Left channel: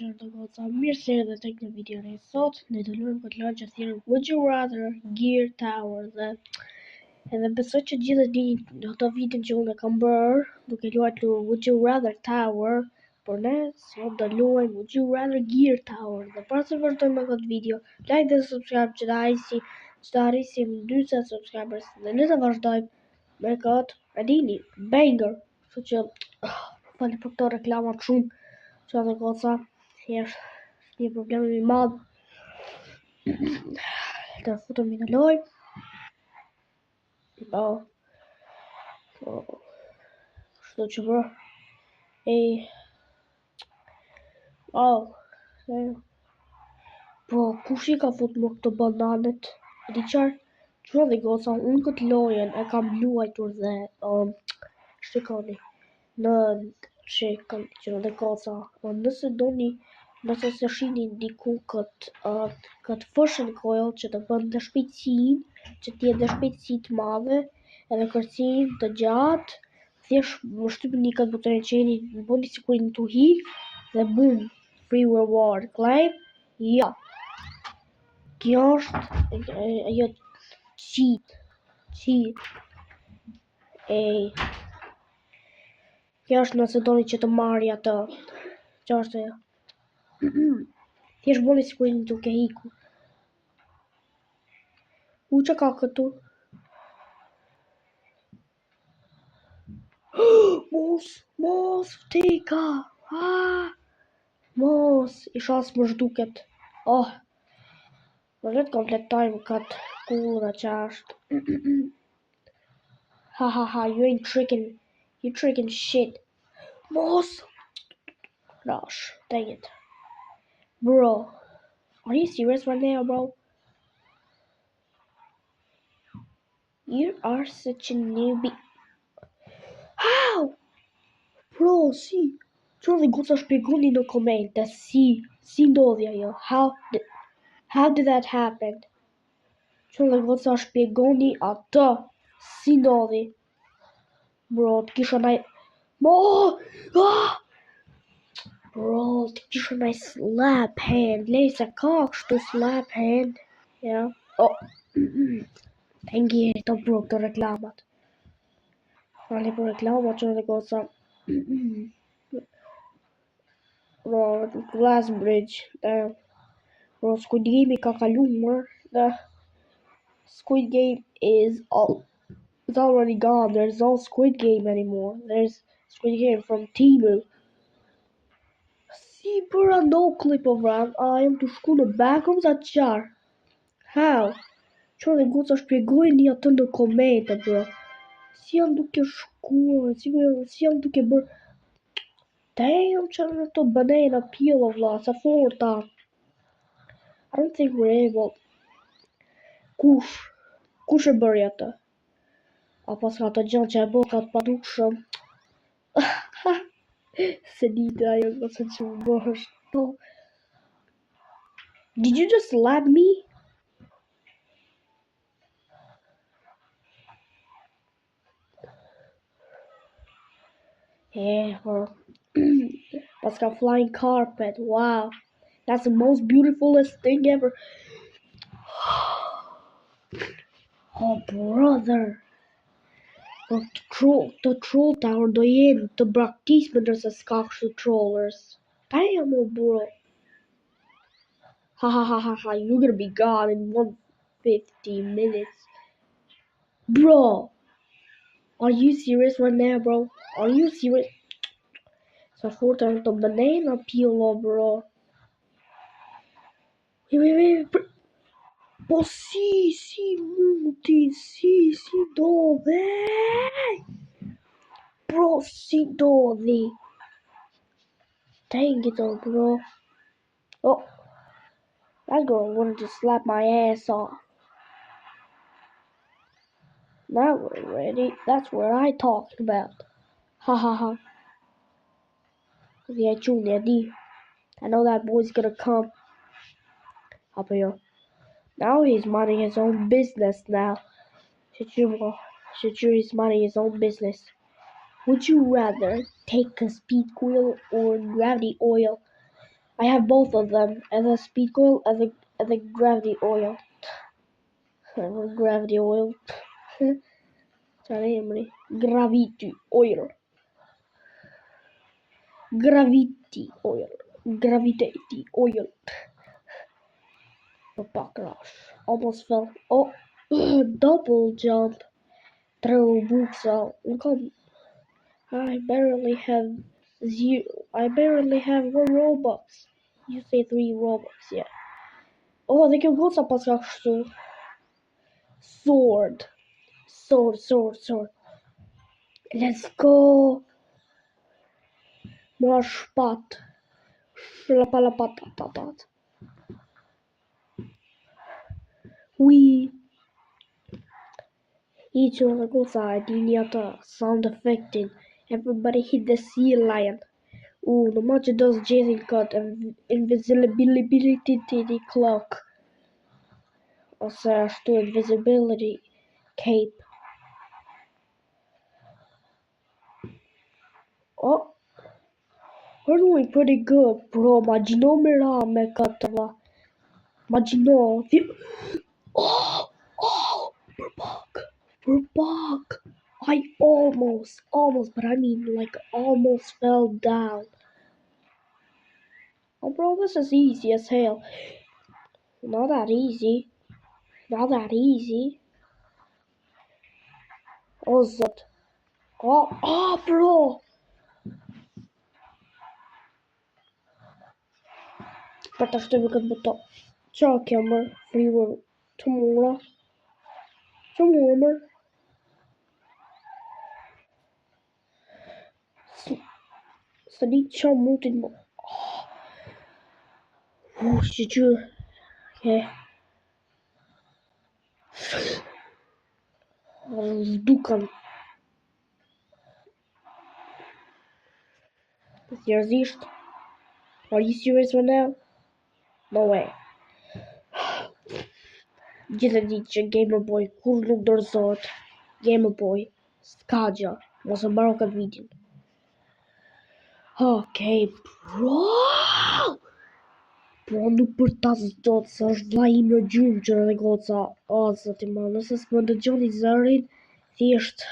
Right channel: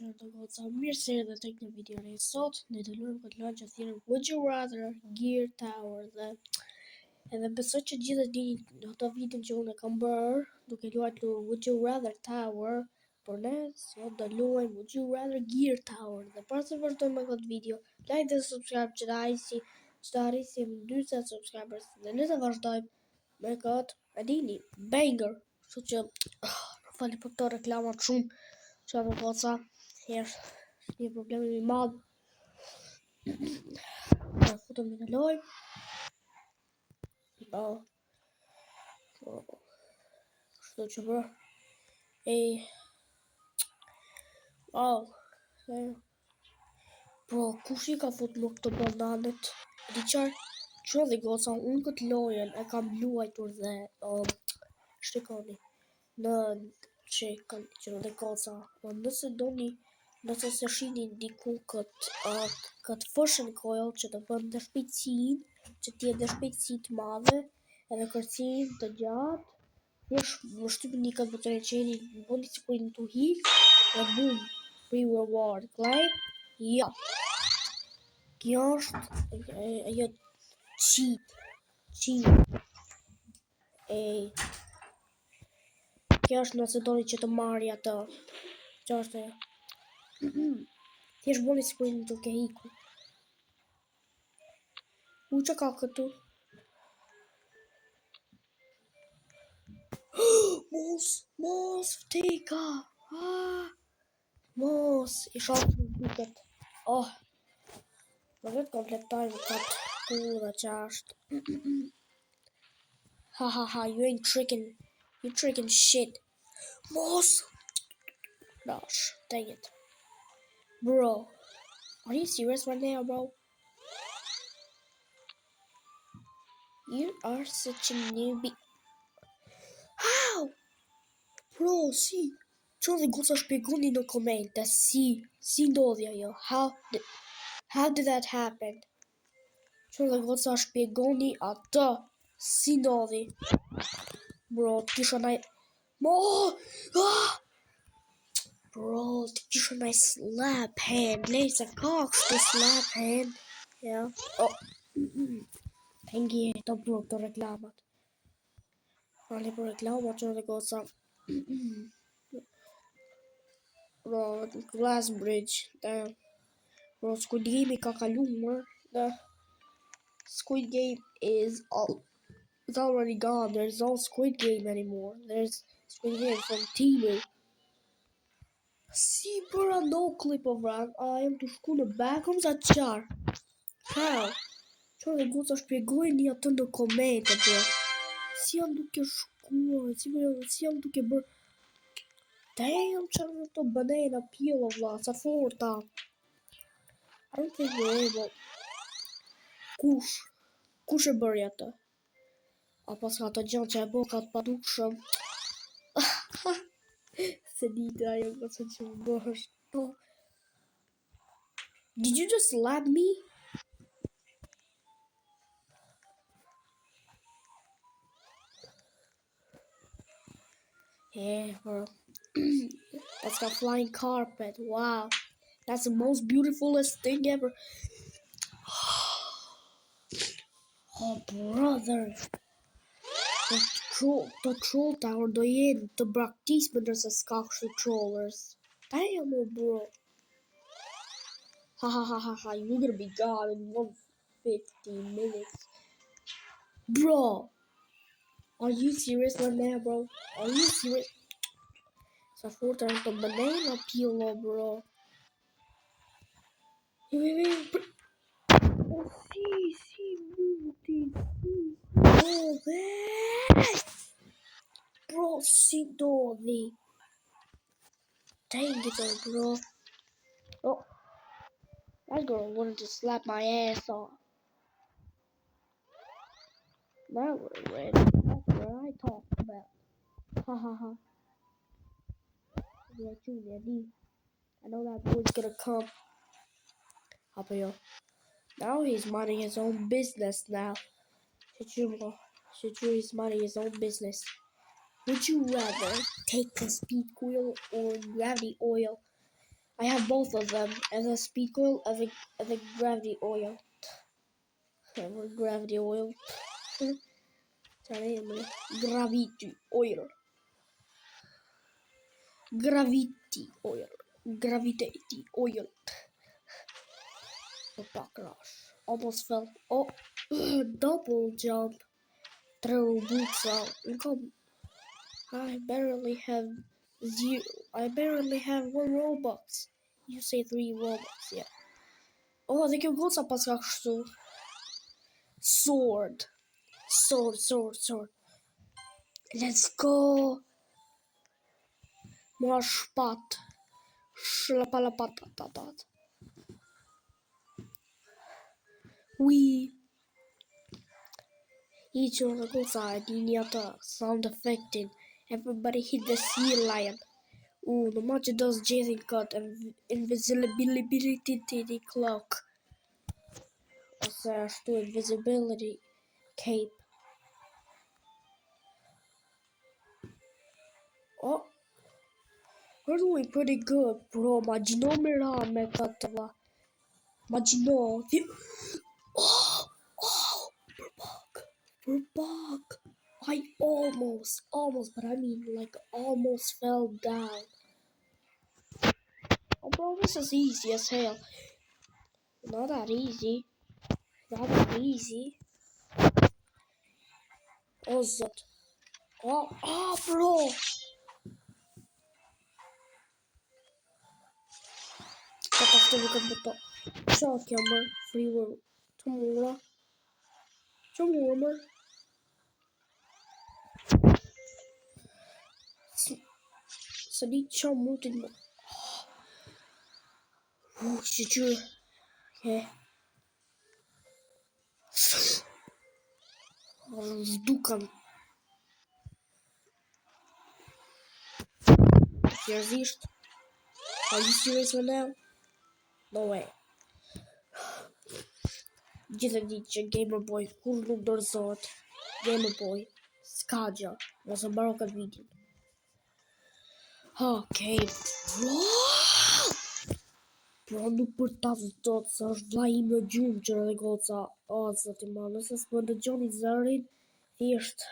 që do goca mirë se edhe tek në videon e sot ne do luajmë këtë lojë që thirrën Would You Rather Gear Tower dhe edhe besoj që gjithë e dini ato videon që unë e kam bërë duke luajtur Would You Rather Tower, por ne sot do luajmë Would You Rather Gear Tower dhe para se vazhdojmë me këtë video, like dhe subscribe që të arrisim 40 subscribers dhe ne të vazhdojmë me këtë e dini banger, kështu që fali për këto reklamat shumë që dhe goca thjesht një problem i madh. Ne futemi në lojë. Kështu që bro. Bro, kush I ka fut më këtë bananet? Di qarë dhe goca, unë këtë lojen e kam luajtur dhe shtikoni në shikon që dhe goca, nëse se shini diku këtë fushën coil që të bën dhe shpejtësin, që t'jetë dhe shpejtësi të madhe edhe kërcim të gjatë, thjesht më shtypni një këtë butën e qeni, më bëni sikur në tu hik dhe boom, free reward, claim, ja. Kjo është ajo cheat. Kjo është nëse doni që të marrë atë. Kjo është ajo. Thjesht bëni sikur jeni duke iku. Që ka këtu? Mos, vteka! Mos, I shas më zhduket. Në letë kompletojmë këtë kurë që është. Ha, you ain't tricking shit. Mos! Gosh, dang it. Bro, are you serious right now, bro? You are such a newbie. How? Bro, si. Që dhe goca shpjegoni në komente, si ndodhi ajo? How did that happen? Që dhe goca shpjegoni atë, si ndodhi? Bro, t'kisha naj... Bro, t'kisha naj slap hand, lej se ka kështu slap hand. Ja. Tengi e të bro këto reklamat. Fali për reklamat që dhe goca. Bro, Glass Bridge. Bro, Squid Game I ka kaluar. Squid Game is already gone. There's no Squid Game anymore. There's Squid Game from Temu. Si bëra no clip of run. Jam të shku në backrooms atë qarë. How? Që dhe goca shpjegojni atë në komente, bro. Si jam duke shkuar, si jam duke bërë. Damn, që në të banana peel of la, sa forta. I don't think we're able. Kush e bërë atë? Pas ka të gjënë që e bërë ka të padukshëm. Se dite ajo nëse që më bërë. Did you just slap me? Yeah, bro. That's got flying carpet. Wow. That's the most beautifulest thing ever. Oh, brother. The troll tower do jenë të braktisme nëse s'ka kështu trollers. Damn, bro. Ha. You're gonna be gone in 150 minutes. Bro. Are you serious right now, bro? Are you serious? Sa fort është të banana peel, bro. Wait. Si, muti, bro, bro, si dodhi. Dang it, bro. Oh, that girl wanted to slap my ass off. Now we're ready. That's what I talked about. Ha. Yeah, Junior D. I know that boy's gonna come. Up here. Now he's minding his own business now. He's minding his own business. Would you rather take a speed coil or gravity oil? I have both of them, edhe speed coil, edhe gravity oil. Gravity oil. Çfarë emri? Gravity oil. Gravity oil. Gravity oil. The backlash. Almost fell. Oh, double jump. Throw boots out. I barely have 1 Robux. You say 3 Robux, yeah. Oh, they can go sa pas ka kështu. Sword. Let's go. Mua shpat. Shlapalapat. Each of the goals are the sound effecting. Everybody hit the sea lion. The match does Jason cut and invisibility cloak. Ose ashtu invisibility cape. Oh, we're doing pretty good, bro. Imagjino mira me këtë va. Imagjino. We're back. I almost, but I mean like almost fell down. Oh, bro, this is easy as hell. Not that easy. Oh, zot. Oh, bro. Wat dacht ik het beton? Zo, jammer. Freeway. Tomorrow. Så de kör mot en mål. Shit. Okay. Zdukam. Here's Are you serious right now? No way. Gjithë ditë që Gamer Boy kur nuk dorëzohet. Gamer Boy Skaja. Mos e mbaro këtë videon. Okay, bro, nuk për ta zëtot, se është vlla im në gjumë që dhe goca. O, zoti ma, nëse s'më ndëgjoni zërin, thjesht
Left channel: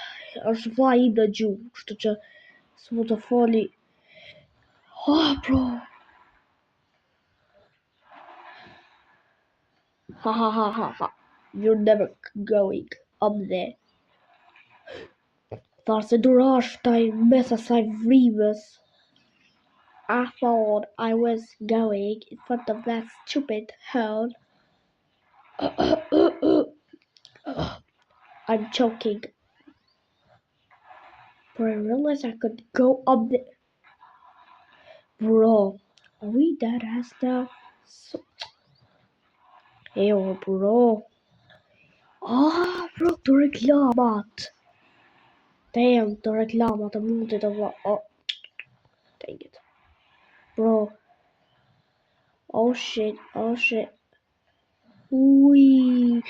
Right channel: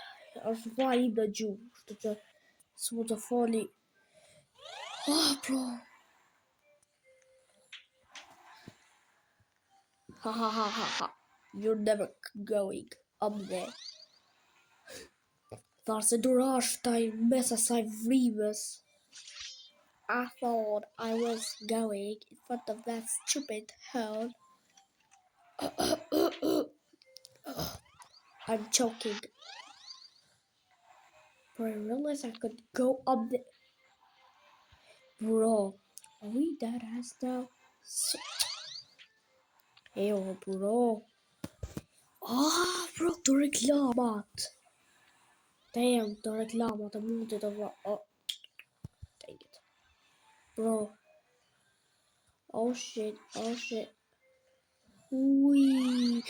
është vlla im në gjumë, kështu që s'mu të foli. Bro. Ha. You're never going up there. Tharë se durash taj mes asaj vrimës. I thought I was going in front of that stupid hell. I'm choking. But I realized I could go up there. Bro, are we dead ass now? Ejo, bro. Bro, të reklamat. Damn, të reklamat e mundit të vla. Dang it. Bro. Oh shit. Ui.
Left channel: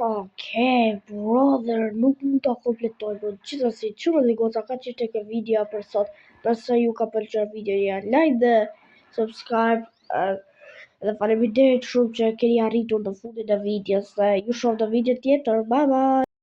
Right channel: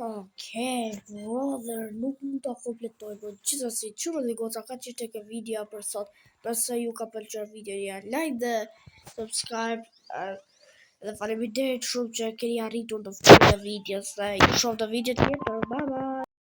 Okay, brother, nuk mund ta kompletoj, bro. Gjithsesi, çuna dhe goca ka që tek video për sot. Nëse ju ka pëlqyer videoja, like dhe subscribe. Dhe faleminderit shumë që keni arritur në fundin e videos. Dhe ju shoh në video tjetër. Bye bye.